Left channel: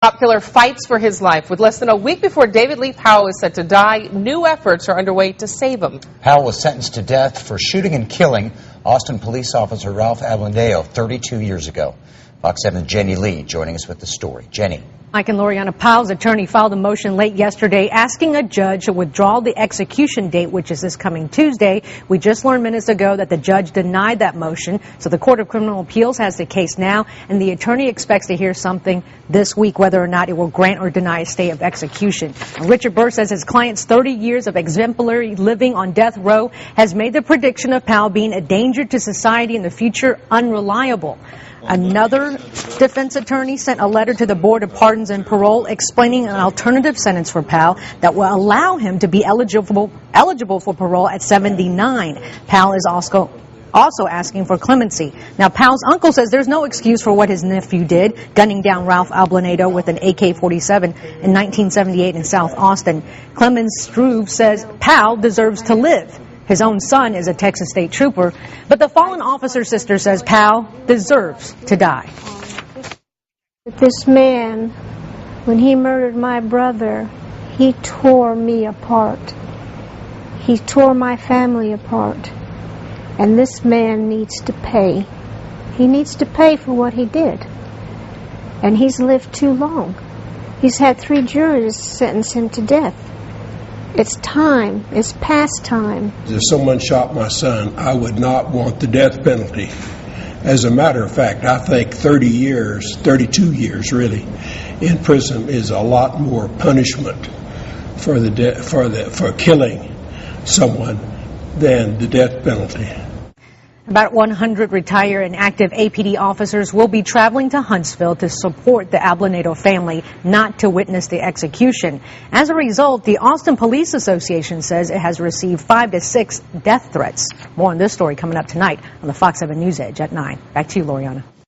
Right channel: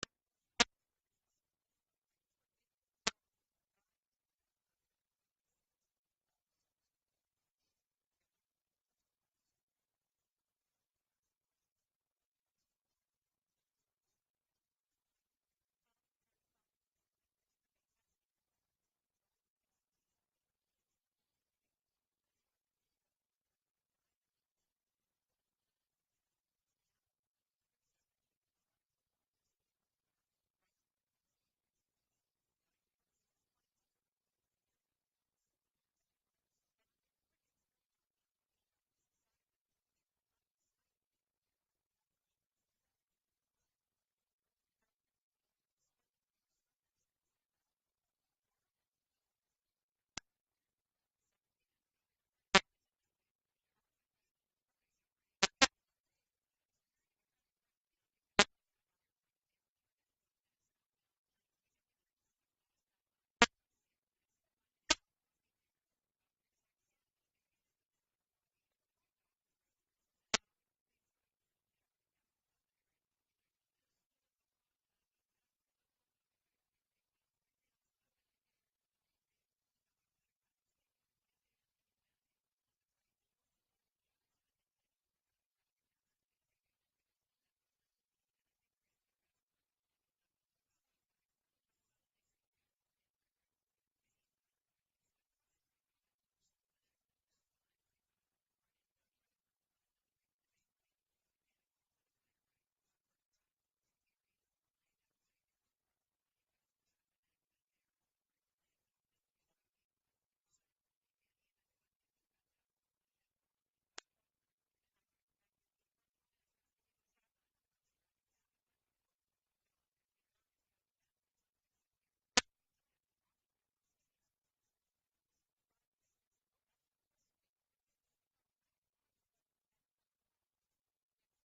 Cop killer fights for his life. With less than a week before David Powell is set to die, new efforts are underway to save him. Powell was sentenced to death for shooting and killing Austin police officer Ralph Ablandeo 32 years ago. Fox 7's Jenny Lee joining us with the story. Jenny. Mike and Loriana, Powell's attorney filed a motion late yesterday asking a judge to withdraw the execution date, which is this coming Tuesday. We just learned minutes ago that the judge denied that motion. So the Court of Criminal Appeals has the case now, and the attorney expects to hear something this week, whether or not it will grant or deny a stay of execution. And Richard Burr says his client's 30 years of exemplary living on death row has made the prediction of Powell being a danger to society in the future unreliable. Another defense attorney sent a letter to the Board of Pardons and Parole explaining an alternative sentence for Powell that will allow him to be eligible for parole at 79. Powell is also asking for clemency. Now, Powell's uncle says there's no excuse for what his nephew did, gunning down Ralph Ablandeo with an AK-47 in 1978 in South Austin. Clemens Struve says Powell deserves to live. His own son is a Texas state trooper, but the fallen officer's sister says Powell deserves to die. This man, when he murdered my brother, he tore me apart. He tore my family apart. And this man needs to pay. He needs to pay for what he did. And he's lived too long. He's had 3 juries sentence him to death. It's time. It's past time. If someone shot my son, I would not want the death penalty. As a matter of fact, I think 30 years, 32 years really, in prison is a lot more punishment for killing someone than the death penalty. About 100 retired and active APD officers will be traveling to Huntsville to support the Ablandeo family, not to witness the execution. As a result, the Austin Police Association says it has received 5 to 6 death threats. More on this story coming up tonight on the Fox 7 News Edge at 9. Back to you, Loriana.